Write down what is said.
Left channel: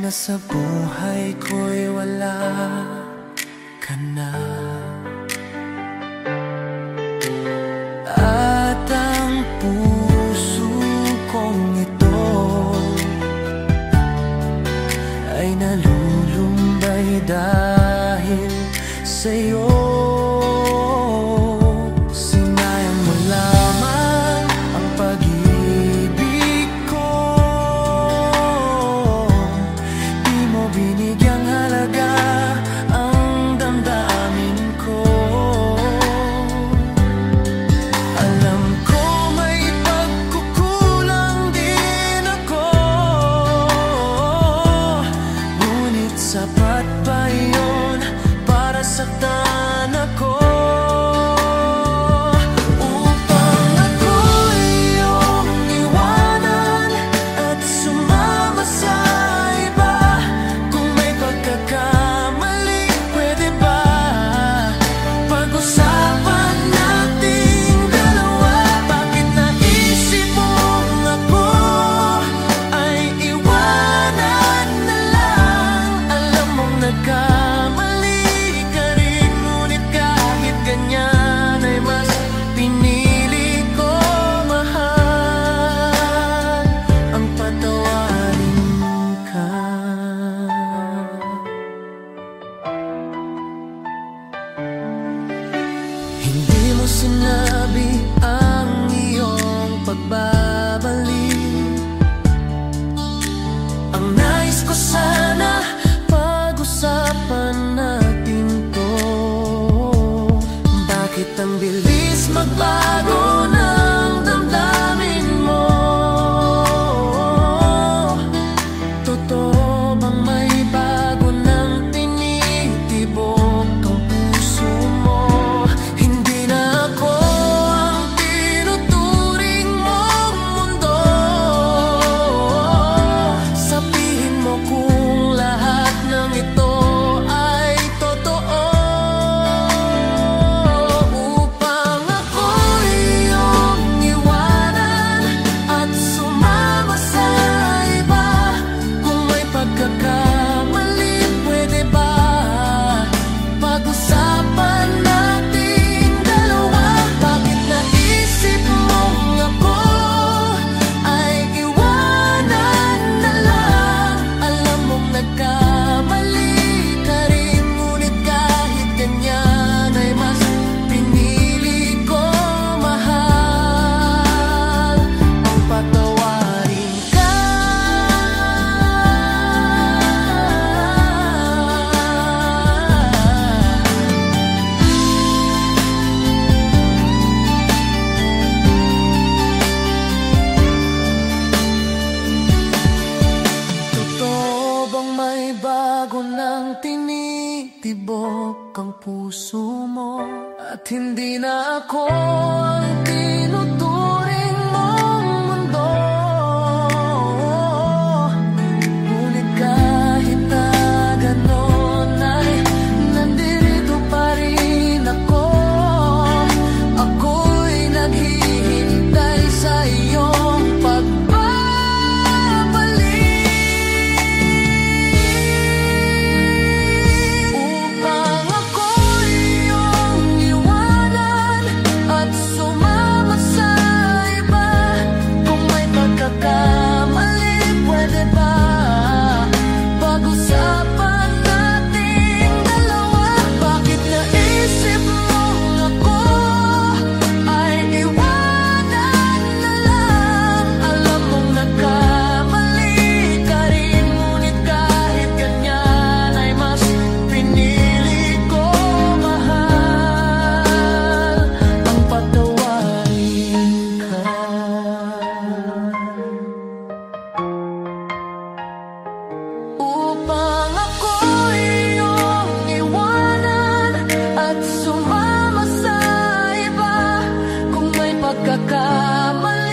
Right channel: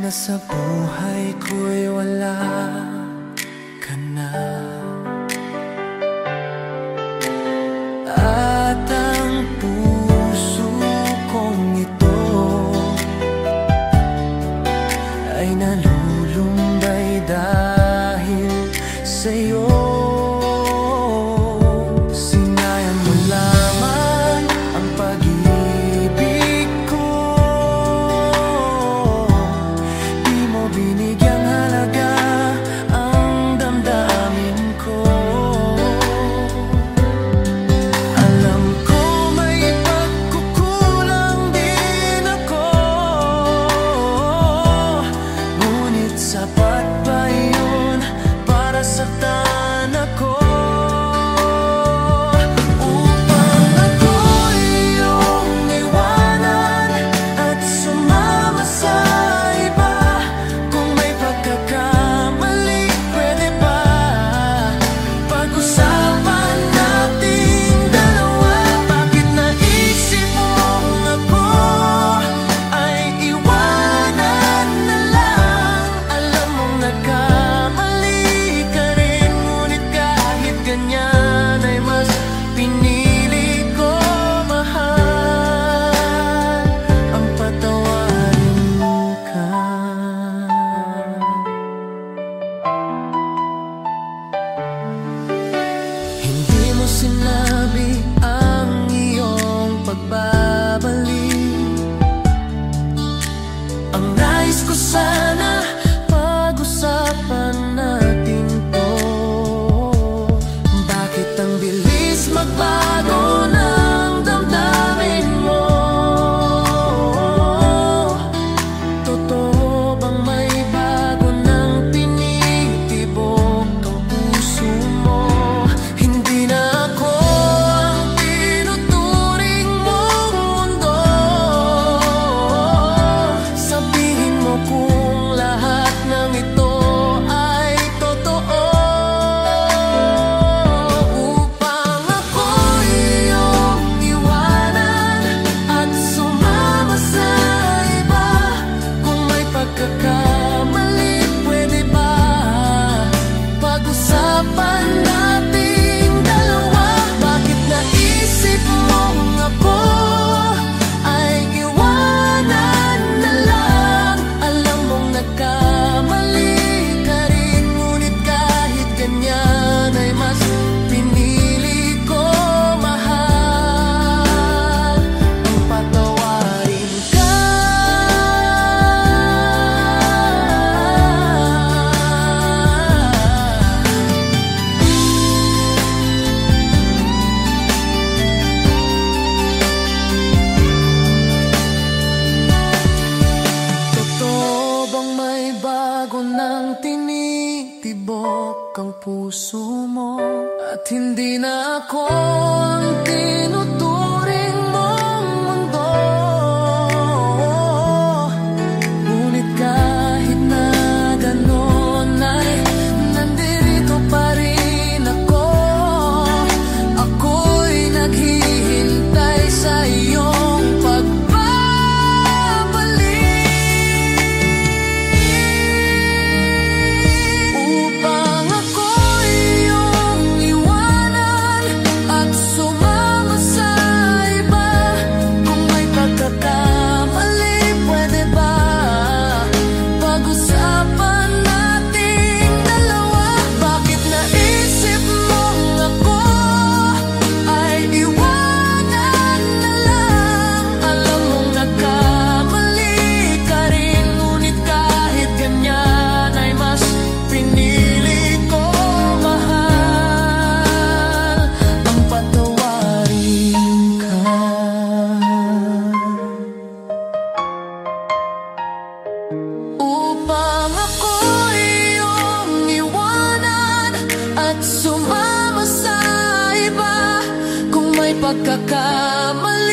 na sa buhay ko'y wala ka na. At ang puso kong ito ay nalulumbay dahil sa'yo. Sinayang mo lamang ang pag-ibig ko, di mo binigyang halaga ang damdamin ko. Alam ko may pagkukulang din ako, ngunit sapat ba yun para saktan ako? Upang ako'y iyong iwanan at sumama sa iba. Kung may pagkakamali, pwede ba pag-usapan nating dalawa? Bakit naisip mong ako ay iwanan na lang? Alam mong nagkamali ka rin, ngunit kahit ganyan ay mas pinili ko mahal ang patawarin ka. Hindi mo sinabi ang iyong pagbabalik. Ang nais ko sana pag-usapan natin to. Bakit ang bilis magbago ng damdamin mo? Totoo bang may bago nang tinitibok ang puso mo? Hindi na ako ang tinuturing mong mundo. Sabihin mo kung lahat ng ito ay totoo. Upang ako'y iyong iwanan at sumama sa iba. Kung may pagkakamali, pwede ba pag-usapan nating dalawa? Bakit naisip mong ako ay iwanan na lang? Alam mong nagkamali ka rin, ngunit kahit ganyan ay mas pinili ko mahal ang patawarin ka. Totoo bang may bago nang tinitibok ang puso mo? At hindi na ako ang tinuturing mong mundo. Ngunit kahit na ganon ay nandirito pa rin ako. Ako'y naghihintay sa iyong pagbabalik. Upang ako'y iyong iwanan at sumama sa iba. Kung may pagkakamali, pwede ba pag-usapan nating dalawa? Bakit naisip mong ako ay iwanan na lang? Alam mong nagkamali ka rin, ngunit kahit ganyan ay mas pinili ko mahal ang patawarin ka. Upang ako'y iyong iwanan at sumama sa iba. Kung may pagkakamali,